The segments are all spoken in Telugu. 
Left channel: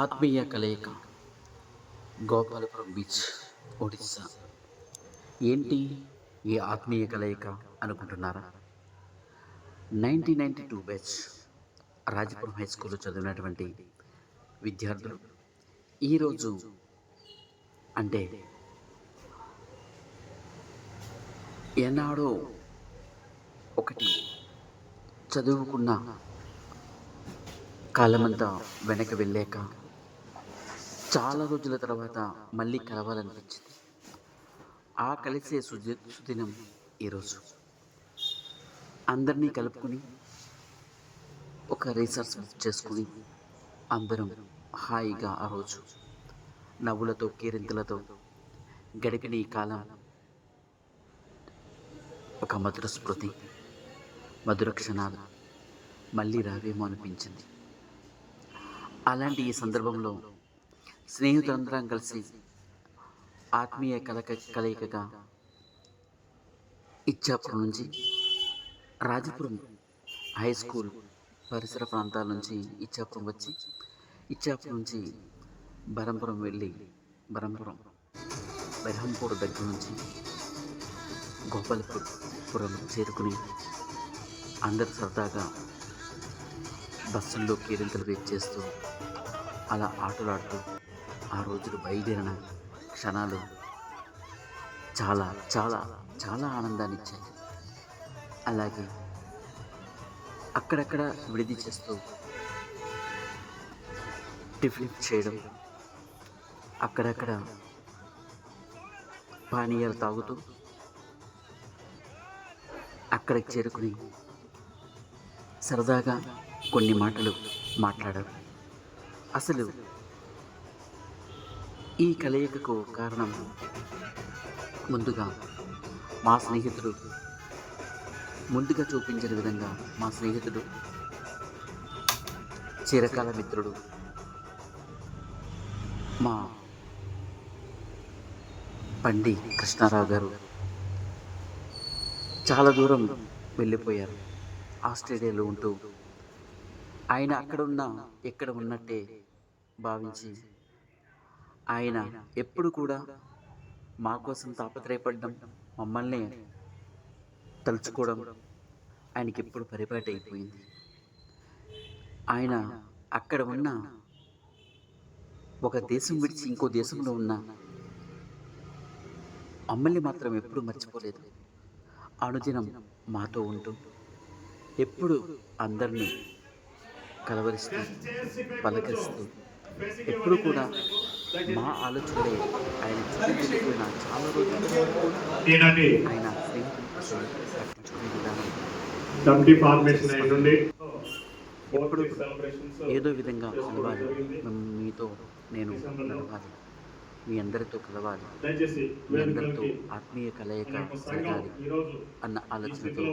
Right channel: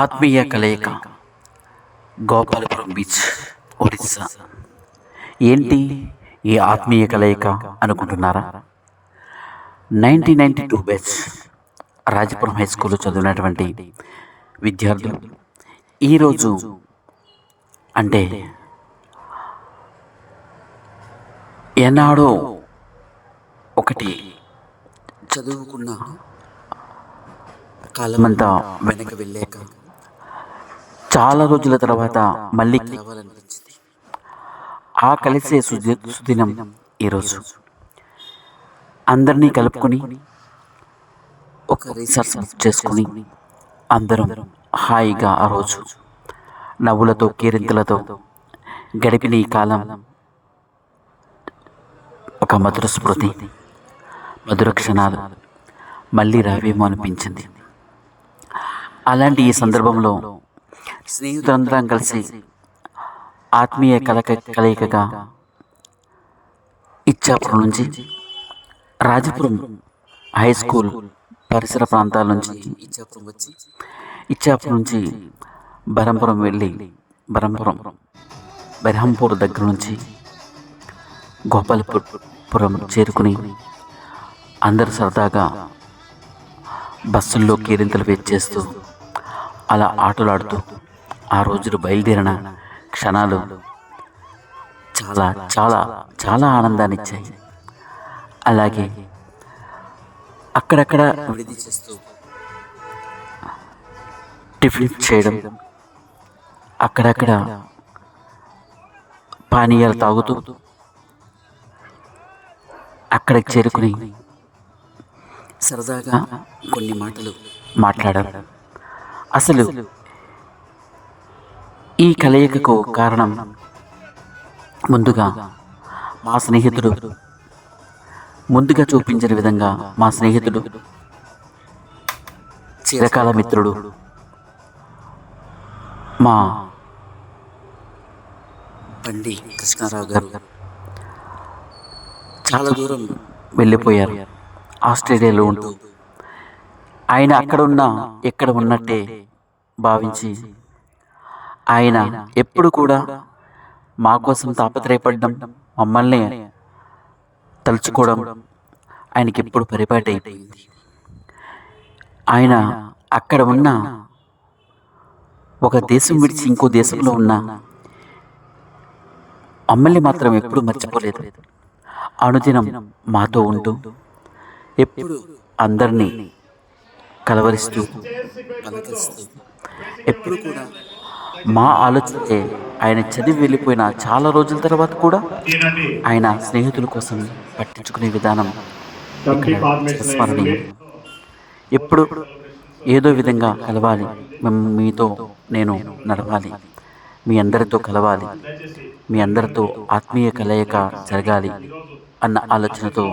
ఆత్మీయ కలయిక గోపాలపురం బీచ్, ఒడిస్సా. ఏంటి ఈ ఆత్మీయ కలయిక అనుకుంటున్నారా? 1992 బ్యాచ్ రాజపురం హై స్కూల్లో చదివినటువంటి విద్యార్థులు ఈరోజు అంటే ఎన్నాడో ఒకటి చదువుకున్న కాలమంతా వెనక వెళ్ళాక చాలా రోజుల తర్వాత మళ్ళీ కలవాలనిపించింది. ఆ కలిసే సుదినం ఈరోజు అందరినీ కలుపుకొని ఒక రిసార్ట్స్ బుక్ చేసుకుని అందరం హాయిగా ఆ రోజు నవ్వులతో కేరింతలతో గడిపిన ఈ కాలం ఒక మధుర స్మృతి, మధుర క్షణాలు మళ్ళీ రావేమో అనిపించింది. అలాంటి ఈ సందర్భంలో స్నేహితులందరం కలిసి ఆత్మీయ కలయికగా ఇచ్చాపురం నుంచి రాజపురం హై స్కూల్ పరిసర ప్రాంతాల నుంచి ఇచ్చాపురం వచ్చి ఇచ్చాపురం నుంచి బరంపురం వెళ్ళి బెరహంపూర్ దగ్గర నుంచి గోపాలపురం చేరుకుని అందరూ సరదాగా బస్సుల్లో కేరింతలు వేచేస్తూ అలా ఆటలాడుతూ ఆ రోజులు బయలుదేరిన క్షణాలు చాలా చాలా చాలా ఆనందాన్ని ఇచ్చాయి. అలాగే అక్కడక్కడ విడిది చేస్తూ టిఫిన్ చేయడం, అక్కడక్కడ పానీయాలు తాగుతూ అక్కడికి చేరుకుని సరదాగా కొన్ని మాటలు మాట్లాడారు. అసలు ఈ కలయికకు కారణం ముందుగా మా స్నేహితుడు ముందుగా చూపించిన విధంగా మా స్నేహితుడు చిరకాల మిత్రుడు మా బండి కృష్ణారావు గారు చాలా దూరం వెళ్ళిపోయారు. ఆస్ట్రేలియాలో ఉంటూ ఆయన ఎక్కడ ఉన్నట్టే భావించి ఆయన ఎప్పుడు కూడా మా కోసం తాపత్రయపడడం, మమ్మల్ని తలుచుకోవడం ఆయనకి ఎప్పుడు పరిపాటి అయిపోయింది. ఆయన అక్కడ ఉన్న ఒక దేశం విడిచి ఇంకో దేశంలో ఉన్న మమ్మల్ని మాత్రం ఎప్పుడు మర్చిపోలేదు. అనుదినం మాతో ఉంటూ ఎప్పుడు అందరినీ కలవరిస్తూ పలకరిస్తూ ఎప్పుడు కూడా మా ఆలోచనలే ఆయన చదివి వెళ్ళిపోయిన చాలా రోజుల తర్వాత కూడా ఆయన స్నేహితుల కోసం పట్టించుకునే విధానం చిరస్మరణీయం. ఎప్పుడు ఏదో విధంగా కలవాలి, మీతో నేను నడవాలి, మీ అందరితో కలవాలి, మీ అందరితో ఆత్మీయ కలయిక జరగాలి అన్న ఆలోచనతో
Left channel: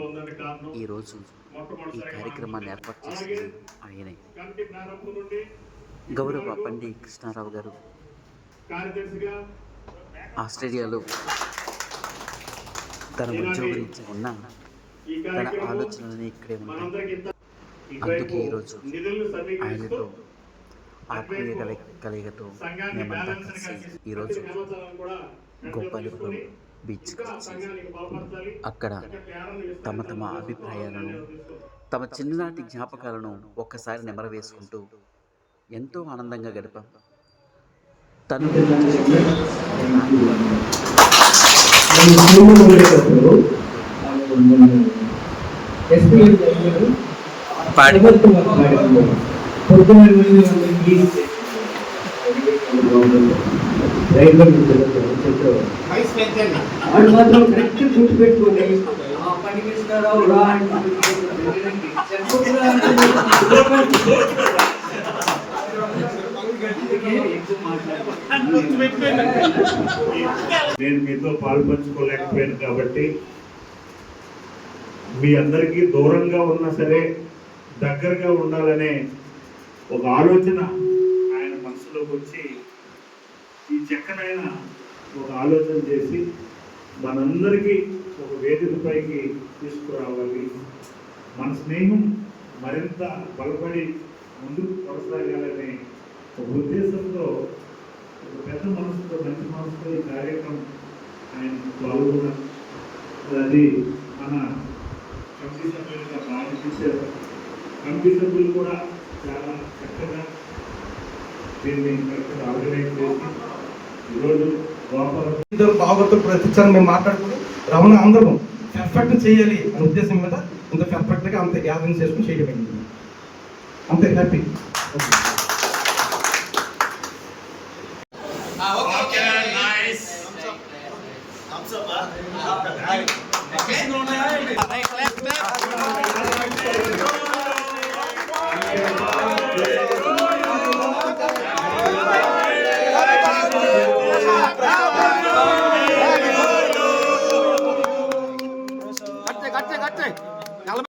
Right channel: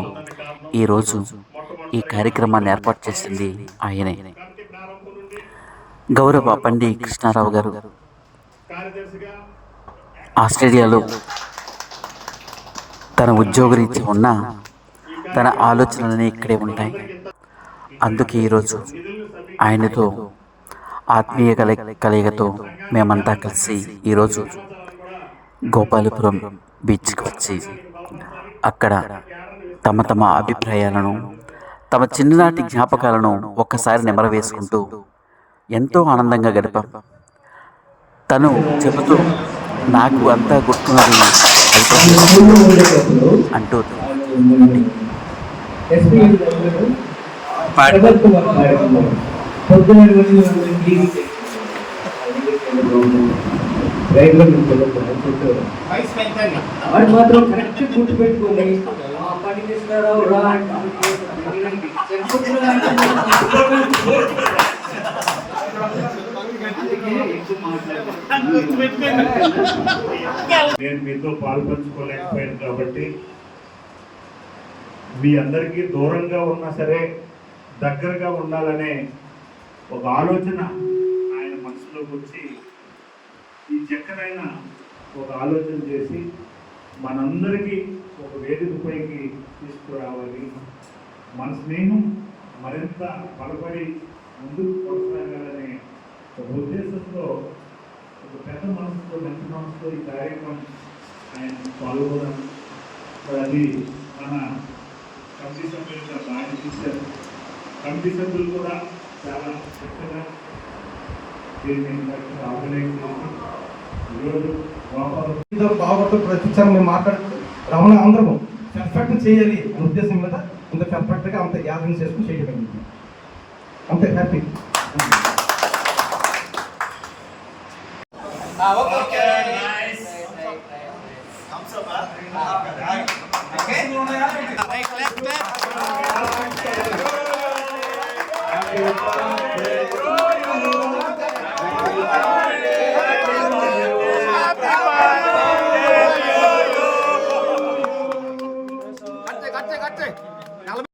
ఈరోజు ఈ కార్యక్రమాన్ని ఏర్పాటు చేసింది ఆయనే. గౌరవ బండి కృష్ణారావు గారు ఆస్ట్రేలియాలో తన ఉద్యోగరీత్యా ఉన్న తన ఆలోచనలన్నీ ఇక్కడే ఉంటాయి. అందుకే ఈరోజు ఆయనతో ఆత్మీయ కలయికతో మేమంతా కలిసి ఈరోజు గోపాలపురం బీచ్కి వచ్చి అక్కడ తమ అభిప్రాయాలను, తమ చిన్ననాటి జ్ఞాపకాలను ఒక్కసారి నెమరవేసుకుంటూ ఎంతో ఆనందంగా గడిపాం. తను చెబుతూ నాకు అంతా గుర్తున్నది అంటూ మాత్రం కరెక్ట్ గుర్తుపెట్టుకోండి. పని కృష్ణారావు రా నేను మీతో పాల్పంచుకోలేకపోయాను కాబట్టి మీ అందరికీ దూరంగా ఉన్నా సరే దగ్గరగా ఉండాలనే ఒక ఆలోచన ఆయన మనసులోకి వచ్చి ఈ చక్కనైన ఒక ఆలోచన చేసి మనందరికీ ఒక వేదికపైకి తీసుకురావాలి, మన స్నేహం మరింత బలపడి ముందుకు కొనసాగాలనే ఒక ఉద్దేశం ఈ కార్యక్రమం ఆయన పాల్గొనడం అది మన కమిటీ సభ్యులుగా బాగా చేశారు. కమిటీ సభ్యులు కూడా చాలా చక్కగా దీన్ని కరెక్ట్గా ఆర్గనైజ్ చేసి ఈరోజు భాగవతం ప్రతిసారి మేము మాట్లాడుకుని రమణ అందరం పర్ఫెక్ట్ చేయాలి అనే ఉద్దేశం మీద ఇంత పర్ఫెక్ట్గా అంత గ్యాదరింగ్ చేసుకుని చేయడం అంత happy.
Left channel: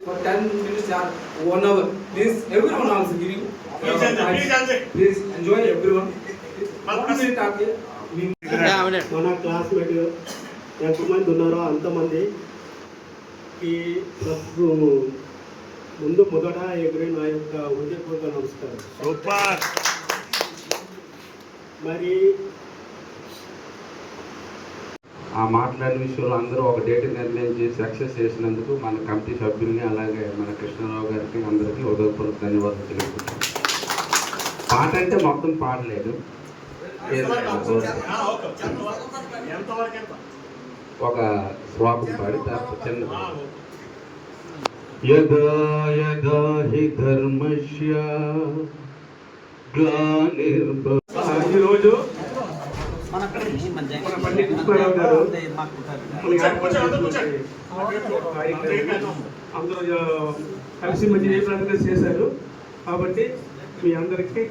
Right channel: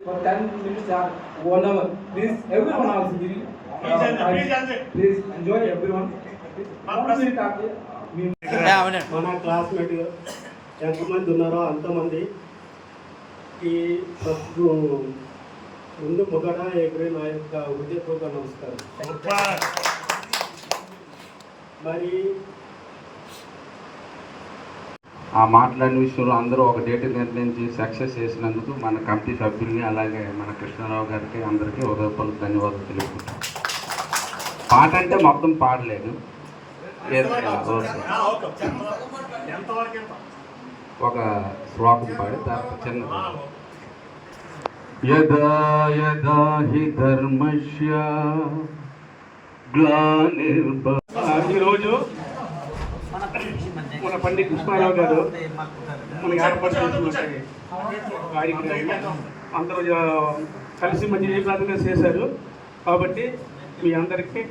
For 10 minutes or 1 hour. Please, everyone also giving. Please enjoy everyone. 1 minute after. మన క్లాస్మేట్ ఎంతమంది ఉన్నారో అంతమందికి ముందు మొదట ఎగురి నా యొక్క హృదయపూర్వక నమస్కారం. మరి ఆ మాట్లాడిన విషయంలో అందరూ ఒక డేట్ నిర్ణయించి సక్సెస్ చేసినందుకు మన కమిటీ సభ్యుల్ని అలాగే మన కృష్ణారావు గారికి అందరికీ హృదయపూర్వక ధన్యవాదాలు తెలుపుతున్నాం. పాట అంటే మొత్తం పాడలేదు, ఒక శ్లోకం పాడి తర్వాత చిన్న యదా యదా హి ధర్మస్య ఈరోజు మన పండిట్ కృష్ణారావు గారు మన ఏర్పాటు చేసినటువంటి కార్యక్రమం అందరూ కలిసి మంచి జయప్రదంగా చేశారు. కాబట్టి మీ అందరికీ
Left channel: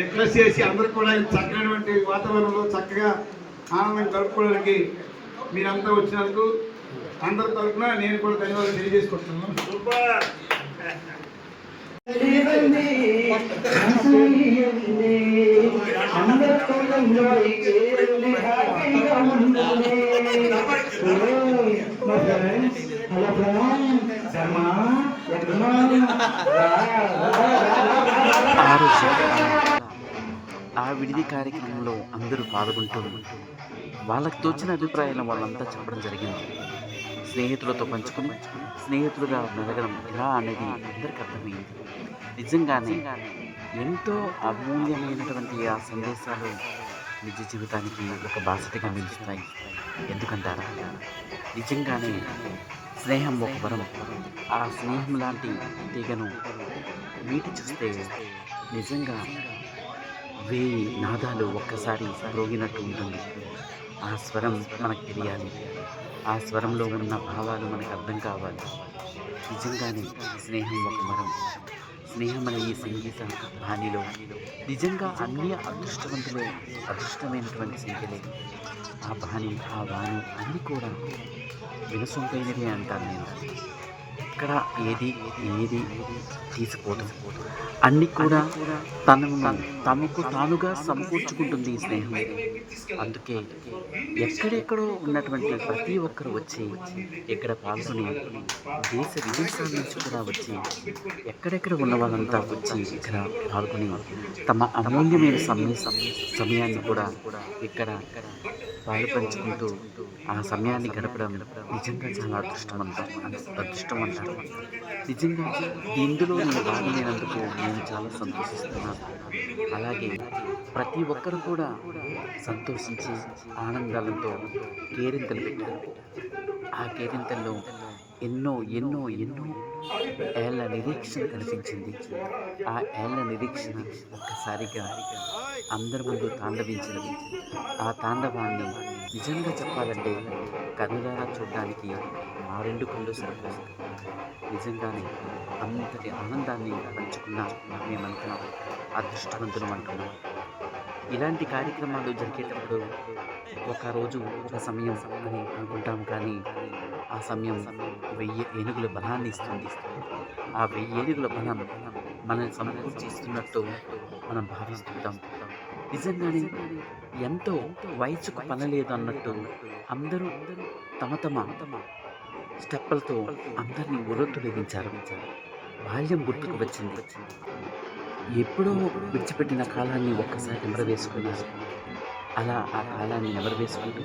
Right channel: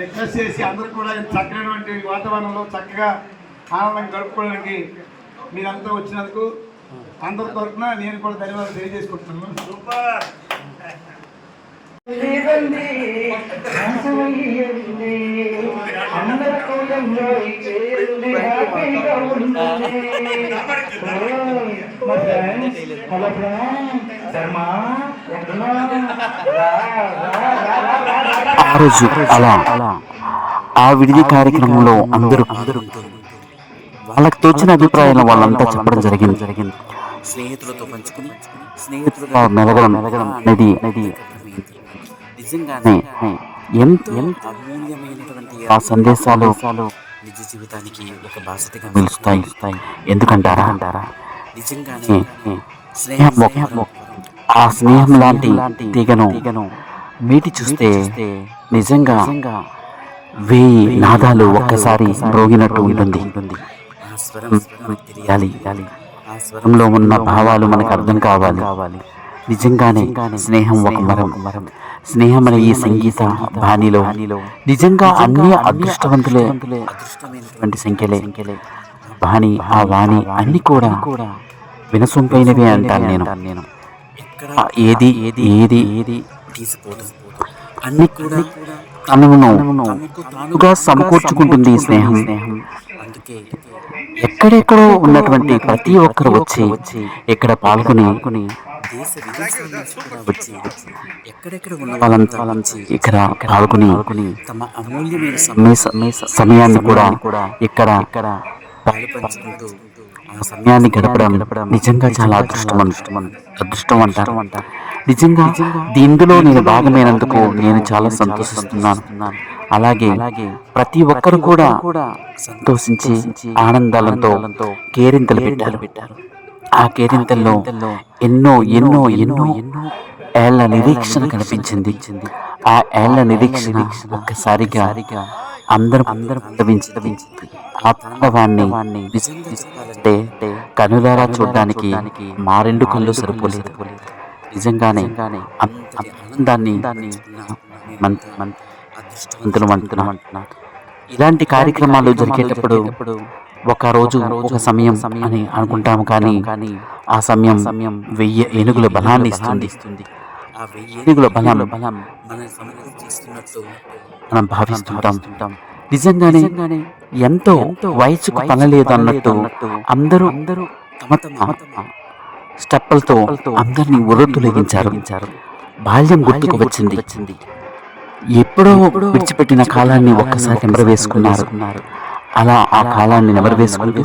రిక్వెస్ట్ చేసి అందరూ కూడా చక్కనటువంటి వాతావరణంలో చక్కగా ఆనందంగా గడుపుకోవడానికి మీరందరూ వచ్చినందుకు అందరి తరఫున నేను కూడా ధన్యవాదాలు తెలియజేసుకుంటున్నాను. ఆ రోజు అలా ఆ విడిది కార్యక్రమంలో అందరూ పాల్గొంటూ వాళ్ళకి తోచిన అభిప్రాయాలను వాళ్ళంతా చెప్పడం జరిగింది. స్నేహితులతో పంచుకుని స్నేహితులుగా మెలగడం అనేది అర్థమైంది. నిజంగానే ఎంతో అమూల్యమైనటువంటి ఆ సందేశాలు నిజ జీవితానికి ఒక బాసటగా నిలుస్తాయి. ఎందుకంటారా నిజంగానే స్నేహం ఆ స్నేహం లాంటి తీగను మీటి చూస్తే నిజంగా 1000 నాదాలు ఒక్కసారి మ్రోగినట్టు ఉంటుంది. ఆ స్వరం మనకు తెలియాలి, ఆ స్వరంలో ఉన్న భావాలు మనకు అర్థం కావాలి. నిజంగానే స్నేహం ఒక వరం. స్నేహం అనే ఈ సంగీత బాణిలో నిజంగా అన్ని అదృష్టమైనటువంటి సంఖ్యలే. ఆ బాణి ఆ వాణి అన్ని కూడా వినసొంపైనవే అంటాను నేను. ఎక్కడ ఏది తీసిపోదు, అన్ని కూడా తనకు తానుగా సమకూర్చుకుంటుంది ఈ స్నేహం. అందుకే ఎక్కడెక్కడో ఉన్నటువంటి ప్రతి ఒక్కరు వచ్చి ఇక్కడ పాల్గొని దేశ విదేశాల నుంచి కూడా వచ్చి ఎక్కడెక్కడ ఉన్న వాళ్ళంతా వచ్చి ఇక్కడ పాల్గొని తమ అమూల్యమైన సమయాన్ని కూడా ఇక్కడ పాలు పంచుకుంటూ ఆ సమయాన్ని గడపడం నిజంగా చాలా అదృష్టం అంటారు. నిజంగా దీనిలో నేను భాగమైనందుకు నేను చాలా సంతోషిస్తున్నాను. అలాగే ప్రతి ఒక్కరు కూడా సంతోషించి ఆనందాలతో కేరింతలు పెట్టారు. ఆ కేరింతల్లో ఎన్నో ఎన్నో ఎన్నో ఏళ్ల నిరీక్షణ కనిపించింది. ఆ ఏళ్ల నిరీక్షణ ఒక్కసారిగా అందరం అనుభవించింది. ఆ తాండవాన్ని నిజంగా చెప్పాలంటే కనులారా చూడడానికి మా 2 కళ్ళు సరిపోలేదు. నిజంగానే అంతటి ఆనందాన్ని మేమంతా అదృష్టవంతులు అంటున్నాం. ఇలాంటి కార్యక్రమాలు జరిగేటప్పుడు ఒక రోజు ఒక సమయం అని అనుకుంటాము, కానీ ఆ సమయం 1000 ఏనుగుల బలాన్ని ఇస్తుంది. ఆ 1000 ఏనుగుల బలం మన సమకూర్చిస్తున్నట్టు మనం భావిస్తుంటాం. నిజంగానే ఎంతో వయసుకు పనలేదు అన్నట్టు అందరూ తమ స్టెప్పులతో అందరినీ ఉర్రతులెగించారు. బాల్యం గుర్తుకు వచ్చింది. ఎప్పుడో విడిచిపెట్టిన కాలాన్ని ఒక్కసారి నెమరవేసుకున్నారు. అలా ఆ కాలాన్ని నెమరవేసుకుంటూ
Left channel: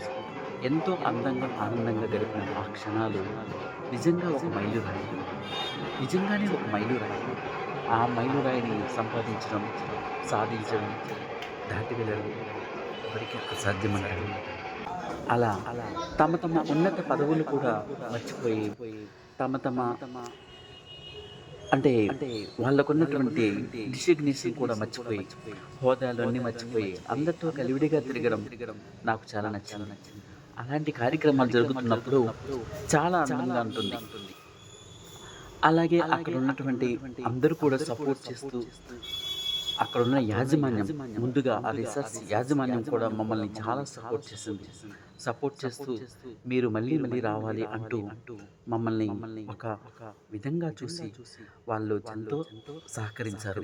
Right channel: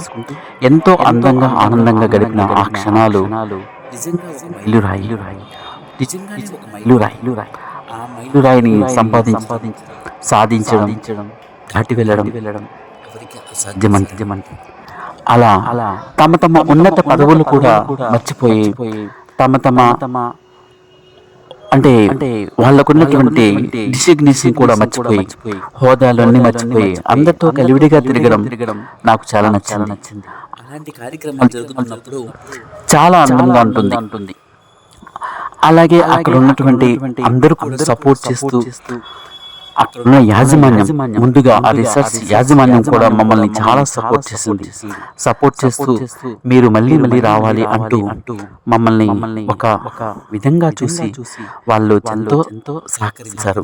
ఎంతో అందంగా ఆనందంగా గడిపిన ఆ క్షణాలు నిజంగా ఒక మైలురాయి. నిజంగానే ఒక మైలురాయి. ఆ మైలురాయిని సాధించడం దాటి వెళ్ళడం ఎవరికి అసాధ్యమంట. అలా తమ ఉన్నత పదవులు కూడా మర్చిపోయి తమ అంటే వాళ్ళకున్నటువంటి డిసిగ్నేషన్ కూడా మర్చిపోయి హోదాలన్నీ మర్చిపోయి అందరితో కలివిడిగా తిరగడం నాకు చాలా నచ్చింది. అలాంటి కార్యక్రమాలు జరుగుతున్నప్పుడు చాలా అందంగా ఉంటుంది. అలాగే అక్కడ ఉన్నటువంటి అందరూ కూడా సపోర్ట్ చేస్తూ అక్కడ ఉన్న యాజమాన్యం, ముందుగా ఆ రిసర్చ్ యాజమాన్యం కూడా మమ్మల్ని చాలా సపోర్ట్ చేస్తూ మీరు మళ్ళీ రావాలి అంటూ మమ్మల్ని ఒక విధంగా చూసి వాళ్ళు ఎంతో సహకరించారు.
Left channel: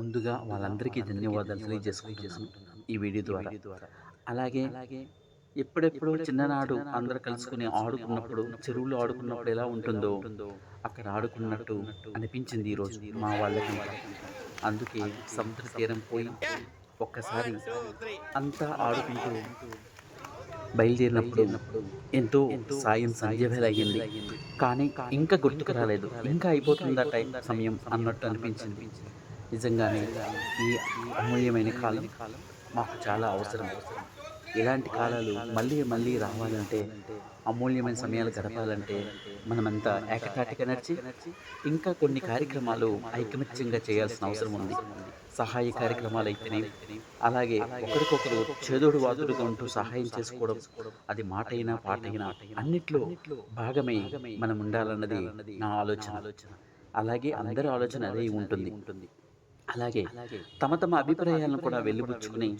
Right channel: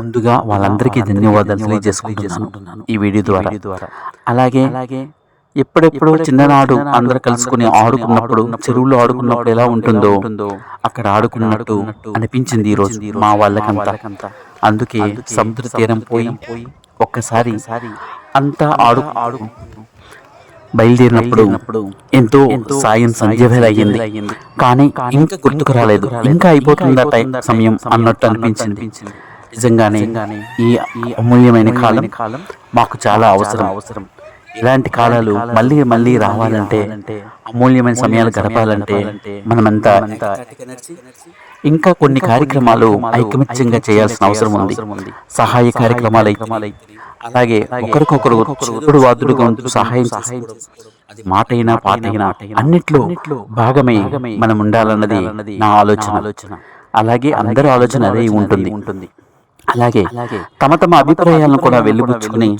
ముందుగా వాళ్ళందరికీ ధన్యవాదాలు తెలియజేసుకుంటున్నాను ఈ వీడియో ద్వారా. అలాగే ఎప్పుడెప్పుడో చిన్ననాడు అందరు కలుసుకుని ఆడుకున్నప్పుడు, చెరువులో ఆడుకున్నప్పుడు ఎలా ఉంటుందో అక్కడ ఆడుకున్నట్టు అనిపించింది ఈ రోజు మా వాళ్ళకంతా. అందుకే సముద్ర తీరం పోయి ఒక్కసారి అంతా ఆడు బయలుదేరినప్పుడు ఎంతో సాయం సంధ్య వేళ అయ్యింది. కానీ ఇంకా గుర్తుకు రాలేదు, ఇంకా అయిపోతుందా సమయం అన్నట్టు అనిపించింది. నిజంగానే ఈ అమూల్యమైన కాలం మాకు చాలా అవసరం. ఇలాంటి కాలాలు మళ్ళీ రావాలంటే, అమూల్యమైన సమయాలు గడపాలంటే మనమంతా ఇంకా కొన్ని కార్యక్రమాలు ఐకమత్యంగా చేయాల్సిన అవసరం ఉంది. సహాయ కార్యక్రమాలు అయితే, అలాగే ఒకరికొకరు చేదుడు వాదుడుగా ఉంటూ సహాయం చేసుకోవడం, అది మాటైనా పాటైనా అన్నిట్లో భాగమై మనం ఉండాలన్నది నా ఆలోచన. అలాగే అందరి ఆలోచన అదే ఉంటుంది. అలాగే తమ అభిప్రాయాలను కూడా వెలిబుచ్చుకుని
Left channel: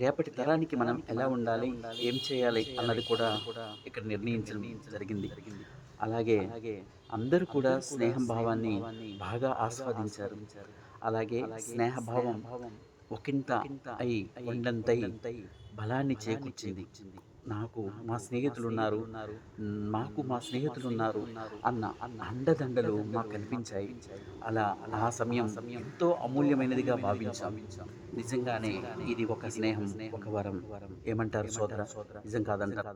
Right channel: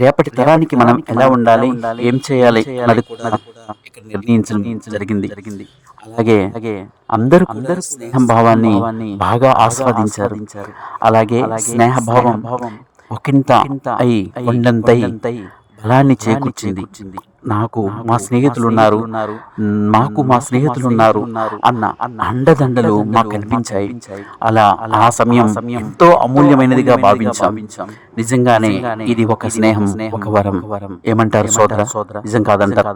రేపటి తరానికి మనం ఎలా ఉండాలి, ఏం చేయాలి అన్నది కూడా ఇక్కడ నిర్ణయించడం జరిగింది. అలాగే అందరూ కూడా స్నేహం భావాన్ని బాగా ఆస్వాదించారు. అలాగే స్నేహభావం ఒకంత అయి కొండంతై బలాన్ని చేకూర్చింది. నాకు మా స్నేహితులు ఉన్నారు అన్న అండదండలు మాకు కనిపించాయి. అలా ఆ సమయం ఎంతో అమూల్యమైనదిగా భావించాం. నిజంగానే ఇది ఒక స్నేహం, ఒక వరం. ఏమంటారు సోదర? నిజం కాదంటారు?